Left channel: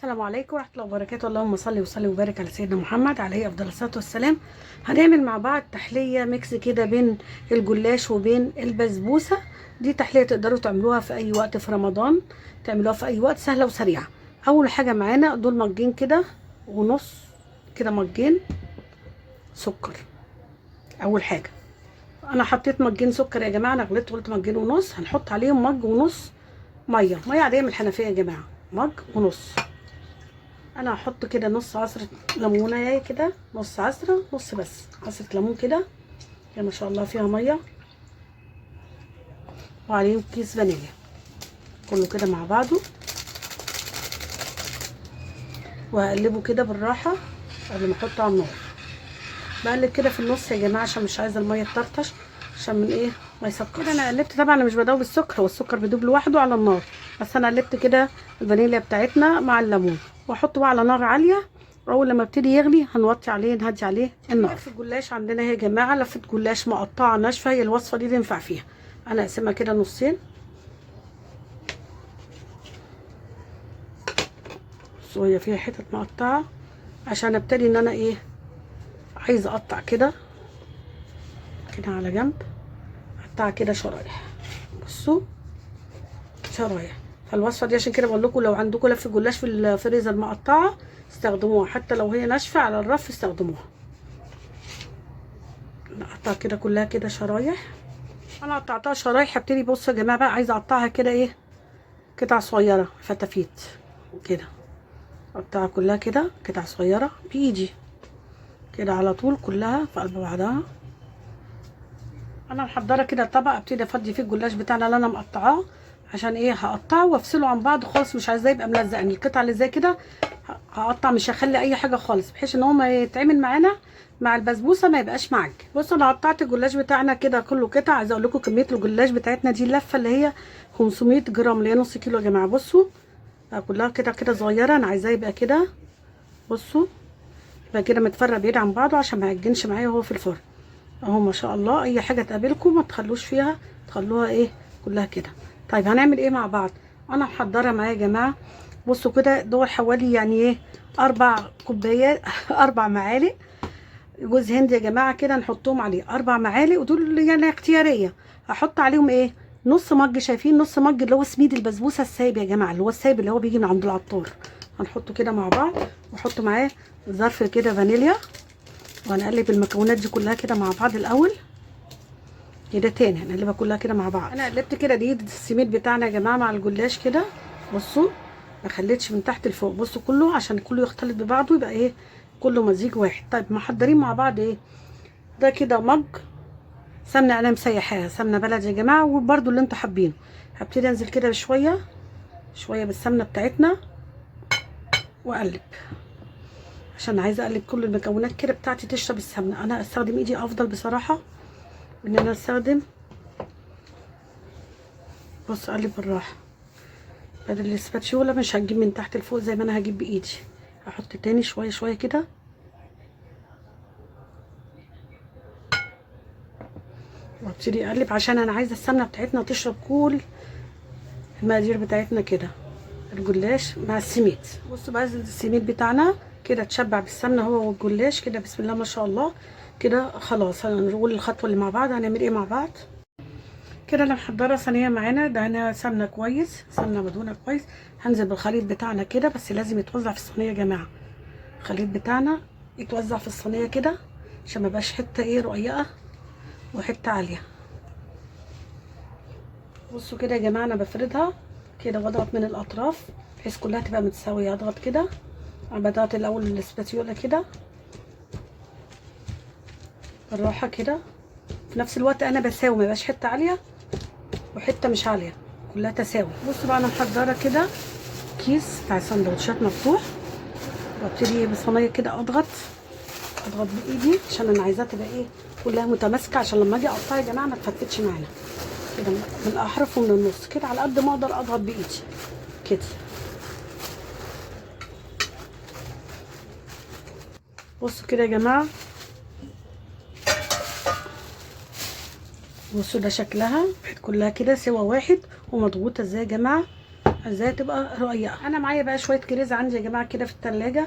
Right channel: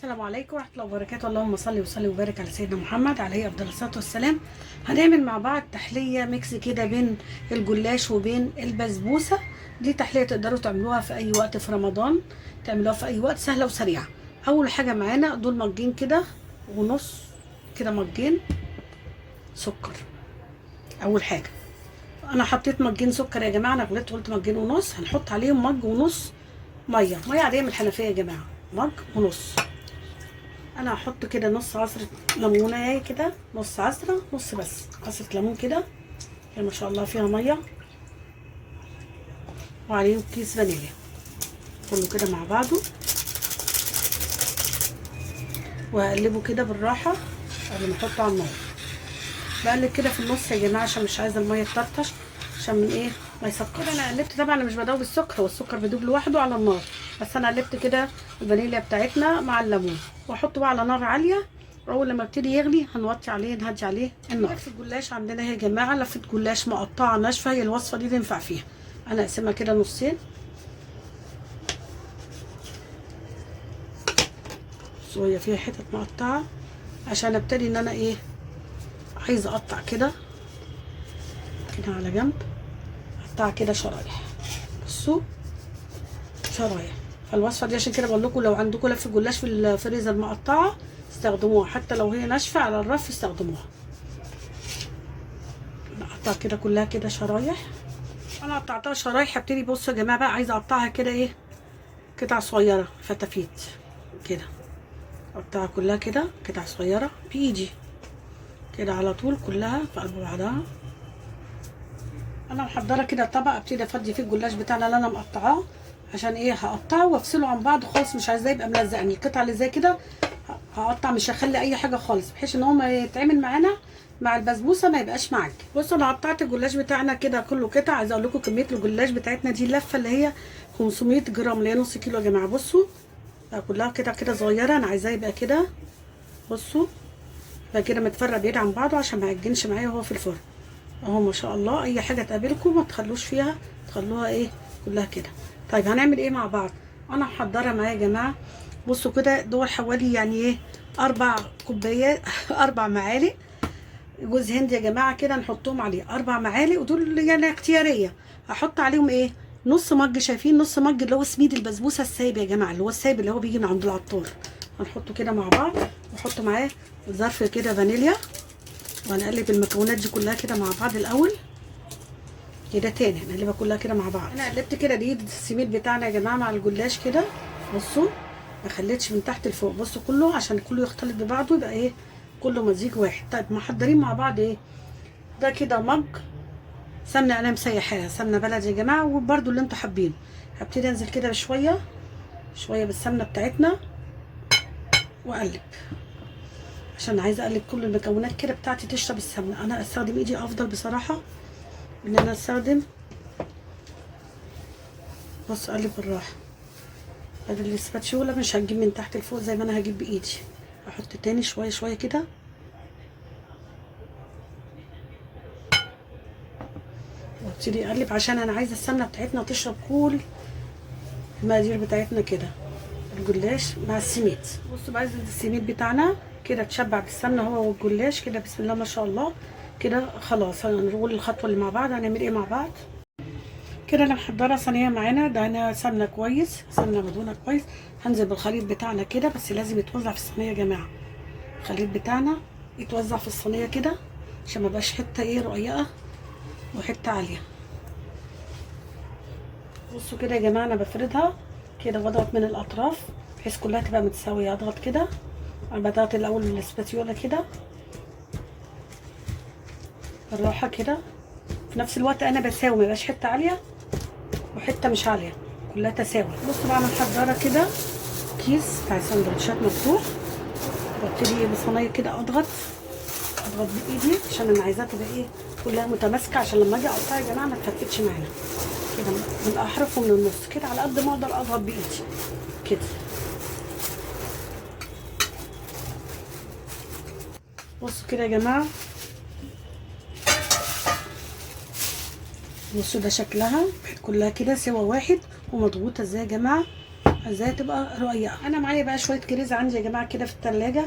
السلام عليكم ورحمة الله وبركاته. اللهم صل وسلم وبارك على سيدنا محمد عليه أفضل الصلاة والسلام. هنعمل مع بعض تحلية ميكس كده بين الجلاش وبين البسبوسة. دي تحلية تقدروا تعملوها في أي وقت في رمضان، تعملوها في أي وقت، سهلة وسريعة. أول حاجة معانا دول مجين كده ونص، كده مجين سكر. أول حاجة أنا حطيت مجين سكر يا جماعة، أنا غلطت قلت مجين ونص، هنحط عليهم مج ونص مية عادية من الحنفية يا جماعة، مج ونص. انا هحط كده نص عصرة ليمونه كده، نص عصرة، نص بس عصرة ليمون كده، ما شاء الله فيها ميه، وعليهم كيس فانيليا، كله كده مع بعضه، وهقلبه كده بالراحه قبل ما احطه على النار. بقلب كده في النص يا جماعه عشان مش عايزه الميه تطرطش، عشان من ايه ما يسكرش. كده انا قلبت، طبعا انا مش بدوب السكر، هو السكر بيدوب لوحده على النار، بس انا قلبت كده الفانيليا بتاعتنا مع الليمون، واحطه بقى على نار عاليه، واول لما يبتدي يغلي هنوطي عليه، نهدي عليه النار. في الجلاش عندنا يا جماعه لفه جلاش مقطعه ناشفه، هي الوصفه دي تنفع فيها. انا اقسمها كده نصين، شويه فيها حتت مقطعه عشان ابتدي ان انا ايه عايزه اقطع كده على جنب، اقطعها كده شرايح، بصوا شرايح. فالوصفه دي عشان كده بقول لكم لو عندكم لف جلاش في الفريزر مقطعه استخدموها، حتى لو هي ناشفه على الرف استخدموها. نقطع كده كلها كده شرايح. انا قطعتها شرايح، هبتدي بصوا يا جماعه بقى عايزه اقطعها كده ايه قطع صغيره، فتافيت كده، اقطعها كلها كده قطع صغيره بايدي كده على طول، كلها في قلب بعضها. انا محضره كده طبق ابتدي افضي فيه الجلاش بتاعنا اللي انا مقطعاه، عشان ايه هقطعه وافصله عن بعض خالص، مش عايزاه يبقى ملزق. يعني القطعه اللي زي كده هقطع، مش هخلي اي حاجه خالص، بحيث ان هو ما يتعمل معانا مع البسبوسه ما يبقاش معاك. بصوا انا قطعت الجلاش بتاعنا كده كله قطع. عايزه اقول لكم كميه الجلاش بتاعتنا دي اللفه اللي هي 500 جرام، اللي هي نص كيلو يا جماعه. بصوا كلها كده كده صغيره، انا عايزاه يبقى كده، بصوا يبقى كده متفرق بعيد عن بعضه عشان ما يعجنش معايا وهو في الفرن اهو. ما شاء الله اي حاجه تقابلكم ما تخلوش فيها، تخلوها ايه كلها كده. طيب هنعمل ايه مع بعض؟ انا محضره معايا يا جماعه، بصوا كده دول حوالي يعني ايه 4 كوبايات 4 معالق جوز هند يا جماعه، كده نحطهم عليه 4 معالق، ودول يعني اختياريه. هحط عليهم ايه نص مج، شايفين نص مج اللي هو سميد البسبوسه السايب يا جماعه، اللي هو السايب اللي هو بيجي من عند العطار، هنحطه كده مع بعض. واحط معاه ظرف كده فانيليا، وهنقلب المكونات دي كلها كده مع بعض الاول كده. تاني هنقلبها كلها كده مع بعض. انا قلبت كده دي السميد بتاعنا يا جماعه مع الجلاش كده، بصوا ما خليتش من تحت لفوق، بصوا كله عشان كله يختلط ببعضه، يبقى ايه كله مزيج واحد. طيب محضرين مع بعض ايه ده كده مج سمنه، انا مسيحاها سمنه بلدي يا جماعه، وبرده اللي انتوا حابينه. هبتدي انزل كده بشويه شويه بالسمنه بتاعتنا واقلب، عشان عايزه اقلب كل المكونات كده بتاعتي تشرب السمنه. انا استخدم ايدي افضل بصراحه ان انا استخدم، بص اقلب بالراحه بدل الاسباتشوله، مش هجيب من تحت لفوق زي ما انا هجيب بايدي. هحط تاني شويه شويه كده، وابتدي اقلب عشان انا عايزه السمنه بتاعتنا تشرب كل المقادير بتاعتنا كده، الجلاش مع السميد. بصوا بقى السميد بتاعنا كده اتشبع بالسمنه هو والجلاش كده، بسم الله ما شاء الله كده. خلاص هنقول الخطوه اللي مع بعض هنعمل ايه مع بعض. كده انا محضره صينيه معانا دهنها سمنه كويس، سمنه مدهونه كويس. هنزل بالخليط بتاعنا كده، بس لازم يتوزع في الصينيه يا جماعه، الخليط بتاعنا يتوزع في الصينيه كده عشان ما يبقاش حته ايه رقيقه وحته عاليه. بصوا كده يا جماعه انا بفردها كده، بضغط من الاطراف بحيث كلها تبقى متساويه، اضغط كده. انا بضغط الاول بالاسباتيولا كده بالراحه كده، في نفس الوقت انا بساوي، ما يبقاش حته عاليه وحته مش عاليه، كلها تساوي. بصوا بقى انا محضره كده كيس بتاع سندوتشات مفتوح، وابتدي بصينيه كده اضغط بايدي عشان انا عايزاها تبقى ايه كلها متماسكه، عشان لما اجي اقطعها يا جماعه ما تفتتش معانا كده من الاحرف ومن النص كده، على قد ما اقدر اضغط بايدي كده. بصوا كده يا جماعه، بصوا ده شكلها كلها كده سوا واحد ومضغوطه ازاي يا جماعه، عايزاها تبقى رقيقه. انا معايا بقى شويه كريز عندي يا جماعه كده في التلاجة،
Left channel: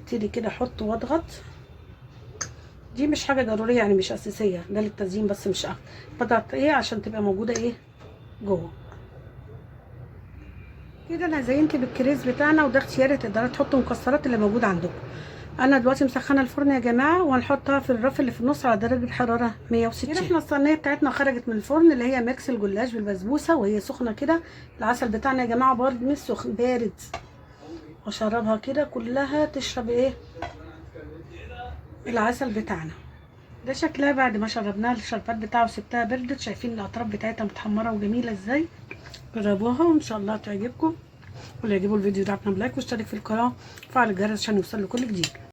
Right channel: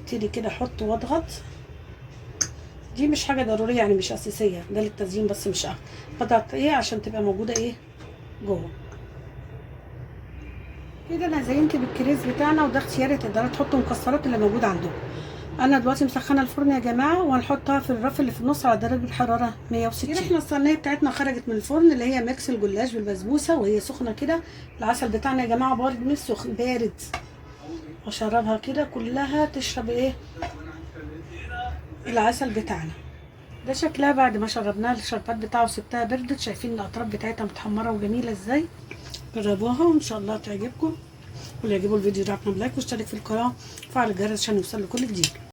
ابتدي كده احط واضغط. دي مش حاجه ضروريه يعني، مش اساسيه، ده للتزيين بس مش بضغط ايه عشان تبقى موجوده ايه جوه كده. انا زينت بالكريز بتاعنا، وده اختياري، تقدروا تحطوا مكسرات اللي موجود عندكم. انا دلوقتي مسخنه الفرن يا جماعه، وهنحطها في الرف اللي في النص على درجه حراره 160. احنا الصينيه بتاعتنا خرجت من الفرن، اللي هي ميكس الجلاش بالبسبوسه، وهي سخنه كده. العسل بتاعنا يا جماعه برضه مش سخن، بارد. واشربها كده كلها تشرب ايه العسل بتاعنا. ده شكلها بعد ما شربناها الشربات بتاعه وسبتها بردت. شايفين الاطراف بتاعتها متحمره وجميله ازاي؟ جربوها وان شاء الله تعجبكم. واللي يعجبوا الفيديو ده لايك واشترك في القناه وفعل الجرس عشان يوصل لكل جديد.